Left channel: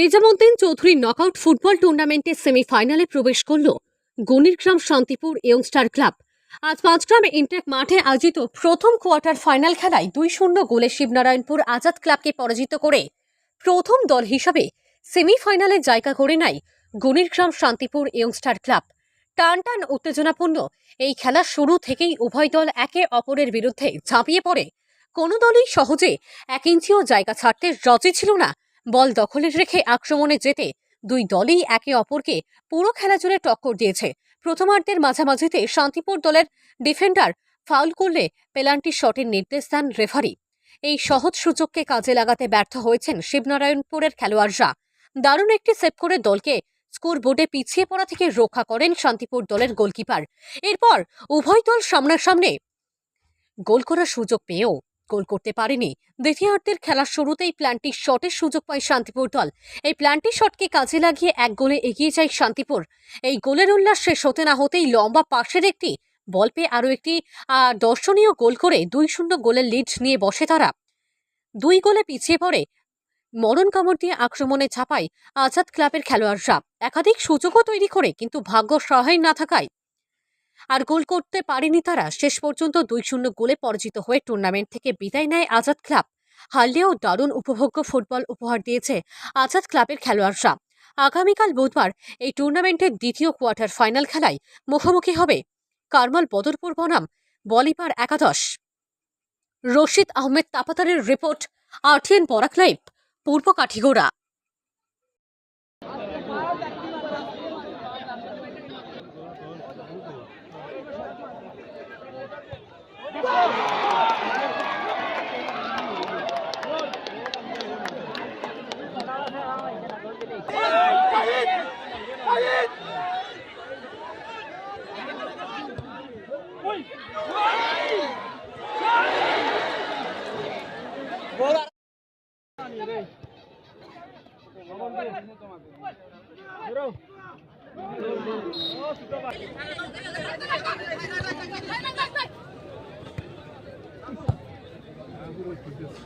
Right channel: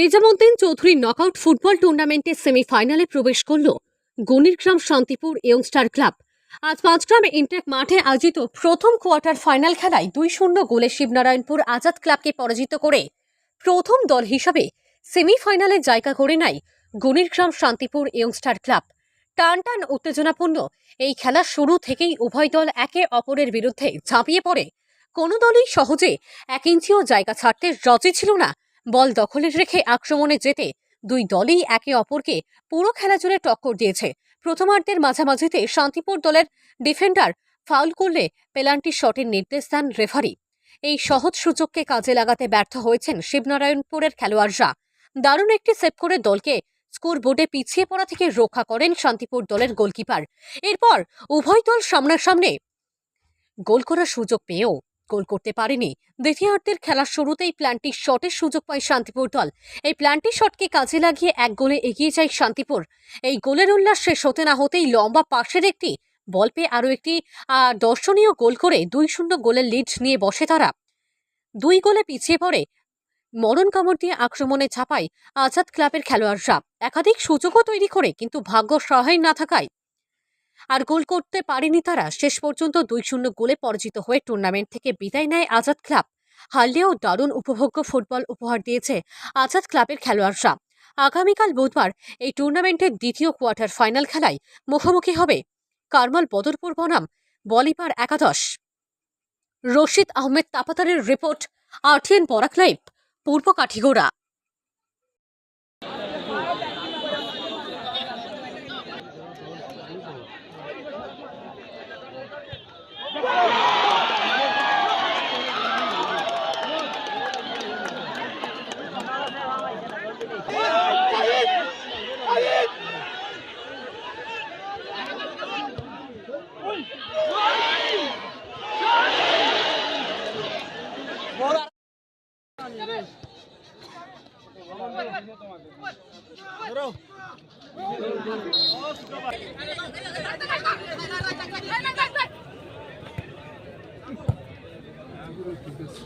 Nizamuddin Chowdhury knockout football টুর্নামেন্টের সেমিফাইনালে প্রবেশ করল গণিরগ্রাম শান্তিপুর ইয়ংস্টার ক্লাব। আজ পাঁচগ্রামে ইনটেক মাঠে আয়োজিত প্রথম কোয়ার্টার ফাইনাল খেলায় 2-0 গোলে শিবনারায়ণপুর আজাদ ক্লাবকে পরাজিত করে প্রথম দল হিসাবে সেমিফাইনালে জায়গা করে নেয় গণিরগ্রাম শান্তিপুর ইয়ংস্টার ক্লাব। টানটান উত্তেজনাপূর্ণ এই খেলা শুরু থেকেই উভয় দল একে অপরের বিরুদ্ধে ঝাঁপিয়ে পড়ে। কোনো দলই সহজে 1 ইঞ্চিও জায়গা ছাড়তে রাজি ছিল না। বল দখলে রেখে আক্রমণে যেতে দুই দলই একে অপরকে পুরো খেলা জুড়ে টক্কর দিয়েছে। প্রথমার্ধের মাঝামাঝিতে শান্তিপুর দলের ডিফেন্ডার ফাউল করলে পেনাল্টি শটের নির্দেশ দেন রেফারি। এই সহজ সুযোগকে কাজে লাগাতে ব্যর্থ হয়েছেন শিবনারায়ণপুরের খেলোয়াড়রা। দারুণ একটি সেভ করে দলকে স্কোর বোর্ডে পিছিয়ে পড়া থেকে রক্ষা করেন শান্তিপুর দলের গোলকিপার। এরপর উভয় দল সামনাসামনি গোল করার সুযোগ পেয়েও গোল করতে পারেনি। দ্বিতীয়ার্ধের খেলার শুরুতেই প্ল্যান্টি শটের সুযোগ পায় শান্তিপুর দল। এই প্ল্যান্টি শটকে কাজে লাগিয়ে 1 গোলে এগিয়ে যায় শান্তিপুর। এই গোলের উল্লাস শেষ হতে না হতেই লম্বা পাশের একটি বল পেয়ে আরও একটি দর্শনীয় গোল করে 2-0 গোলের লিড নিয়ে বসে তারা। 2 গোলে পিছিয়ে পড়ে মরণ কামড় দিয়ে আক্রমণে ঝাঁপায় আজাদ ক্লাবের খেলোয়াড়রা। একাধিক সুযোগও তৈরি করে কিন্তু ভাগ্য সহায় না থাকায় আর গোল করতে পারেনি তারা। শেষ পর্যন্ত 2-0 গোলে পরাজিত হয়ে টুর্নামেন্ট থেকে বিদায় নেয় আজাদ ক্লাব। হারলেও দারুণ উপভোগ্য ফুটবল উপহার দিয়েছে আজাদ ক্লাবের খেলোয়াড়রা। আগামীকাল বুধবার এই টুর্নামেন্টের দ্বিতীয় কোয়ার্টার ফাইনাল খেলায় মুখোমুখি হবে কারমাল বদরপুর বনাম বলিপার একাদশ। রশিদ আহমেদ তাপাতারের রিপোর্ট, RTN বরাক লাইভ, পূর্ব কাঠিগোড়া।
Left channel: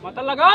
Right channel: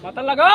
মাথা লাগা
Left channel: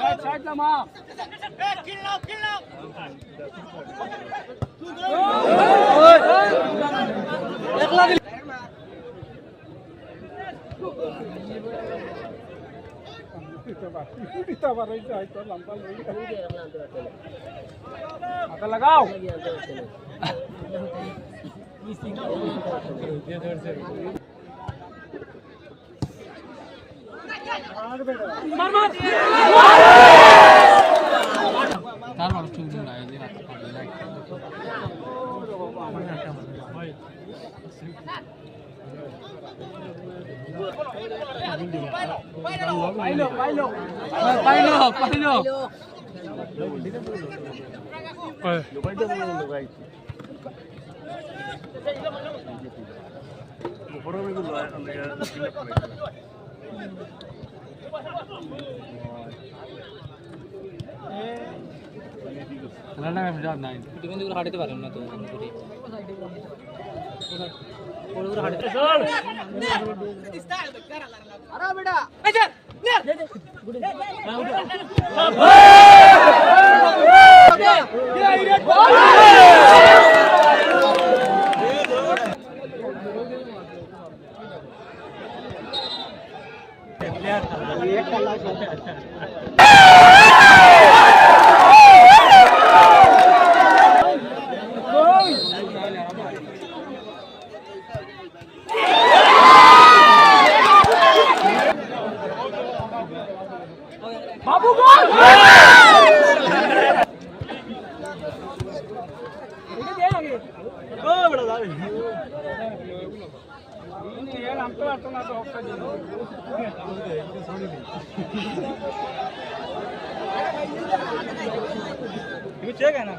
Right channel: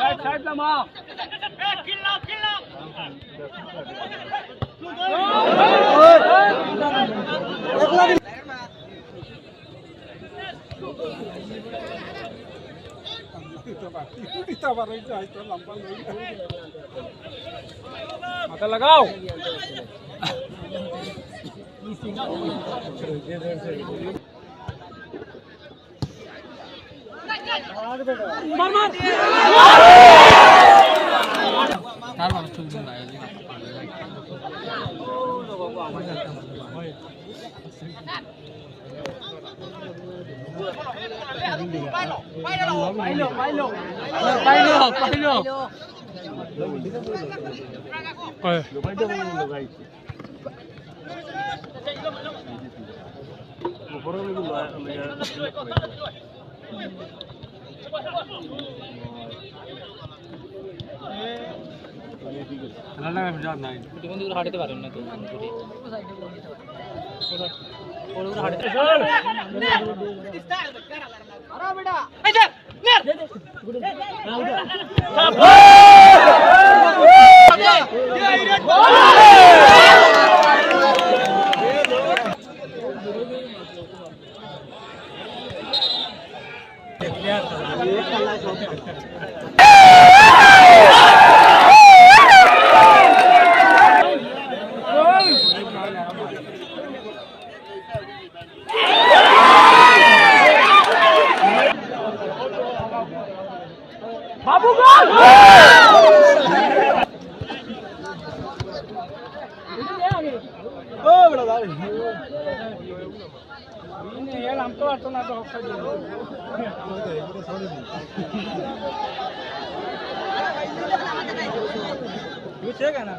साइड ला मां किल्ला माथा लगाओ হাঁটতে পারেন না তো হাঁটতে बाबू गोल ओ बड़ा दादा नहीं यार हम तो आता ना तो हफ्ता दे ये चेक है ना